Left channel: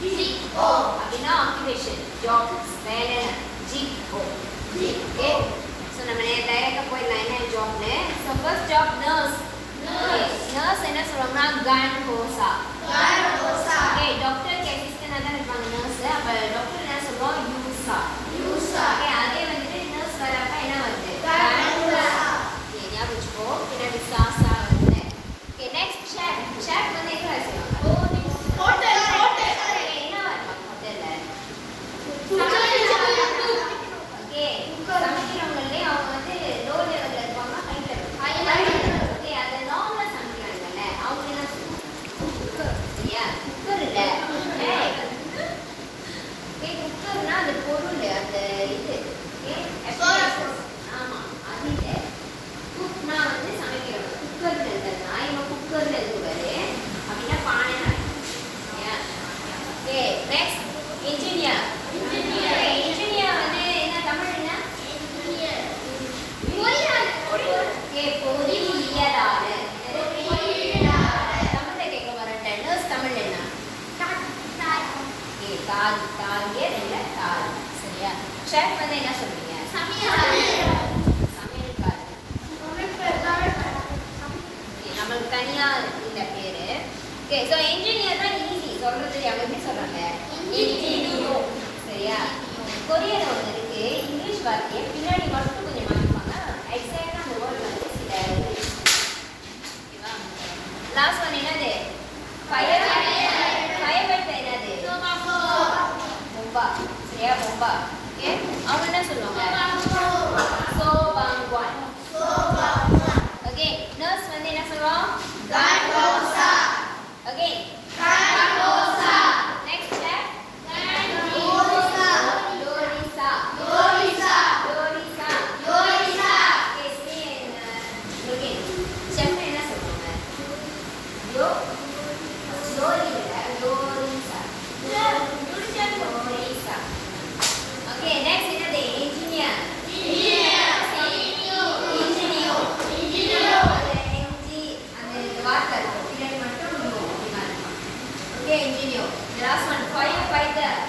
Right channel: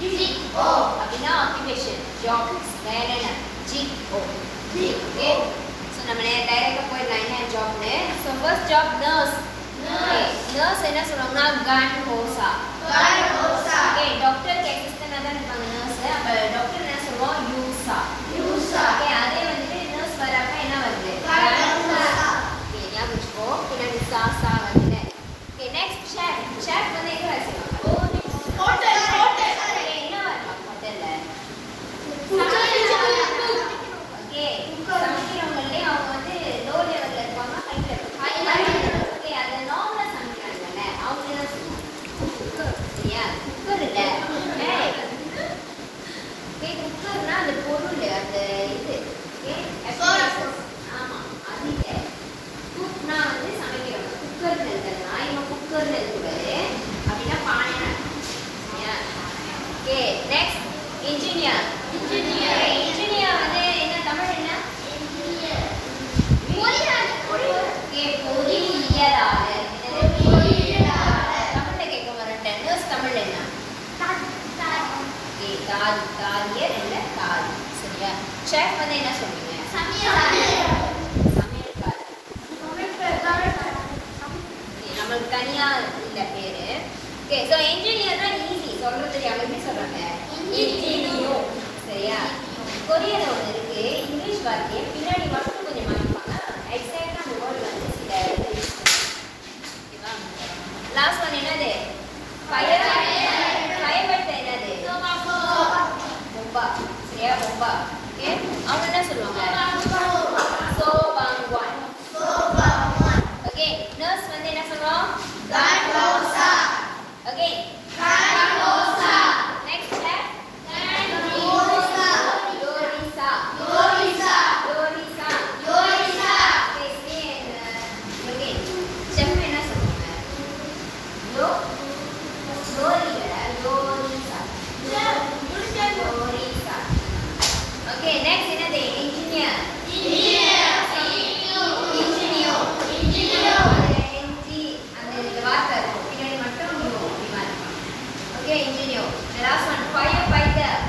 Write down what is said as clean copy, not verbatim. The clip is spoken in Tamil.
G-O. அப்படின்னா occupation, job, வேலை. G-O. Okay. So நம்ம டைரக்டா போயிடலாம் என்ன ஜாப்னு. So first job nurse. Nurse என்ன சொல்லுவாங்கன்னா ganhosa. Okay, டாக்டருக்கு அசிஸ்டன்டா தான் இருப்பாங்க nurse. அப்ப டாக்டர் என்ன சொல்லுவோம் yusa. Okay, அதே வந்துட்டு nurse வரப்ப என்ன வருது? ganhosa. Okay, ஞாபகம் வச்சுக்கோ. பின்னாடி சாசா வருது. Okay, next chef. Chef வந்து எங்க வேலை செய்வாங்க? ஹோட்டல். Okay, என்ன வருவாங்க ஹோட்டல்ல? Okay, சமைக்கிறவங்களே அவங்க வந்து லோ லெவல்ல இருப்பாங்க ஹை லெவல். Okay, அத நார்மலா சமைக்கிறாங்கல்ல அவங்க என்ன சொல்லுவாங்க? சரியா? குக்கர் இல்ல. Okay, குக்கர்னா அந்த பொருள் அந்த இது. Okay, ஆமா அது இல்ல. குக்னா வந்து சமைக்கிறவங்க. குக்கர்ல இருக்குன்னா இவன் குக்கர்ல இருக்குவாரு. அப்படின்னா பானை. சரியா? Okay, next engineer. Engineer வந்து என்ன தமிழ் என்ன? பொறியியலாளர். தமிழ்ல கேட்க வரட்டேன். நர்ஸ் தமிழ் என்ன? தாதியர் இல்ல தாதி. சரியா? செஃப் வந்து என்ன சொல்றீங்க? சமையல்காரர். நம்மளுக்கு தனியா இல்ல பேரு. ஓகே, சோ இன்ஜினியர்னா ஈஸி சொல்றது. அவங்க எப்படி சொல்றாங்க? இன்ஜினியர். சரியா? கொரியன்ல ஒன்று இருக்கு. இங்கிலீஷ் வார்த்தையை பின்னாடி மட்டும் கொஞ்சம் மாற்றிப்பாங்க. எக்ஸாக்டா அந்த வேர்டு வந்து சில ஓகேவா? லாஸ்ட் ஒன் என்னது? ஃபயர் என்னது? பொம்பா. சரியா? பொம்பா. ஓகே, அவங்க என்ன சொல்லுவாங்க? சோபாங்குவான். ஓகே, நர்ஸ் வந்து என்ன சொல்லுவோம்? ganhosa. Okay, ganhosa. Next left engineer. The last one, firefighter.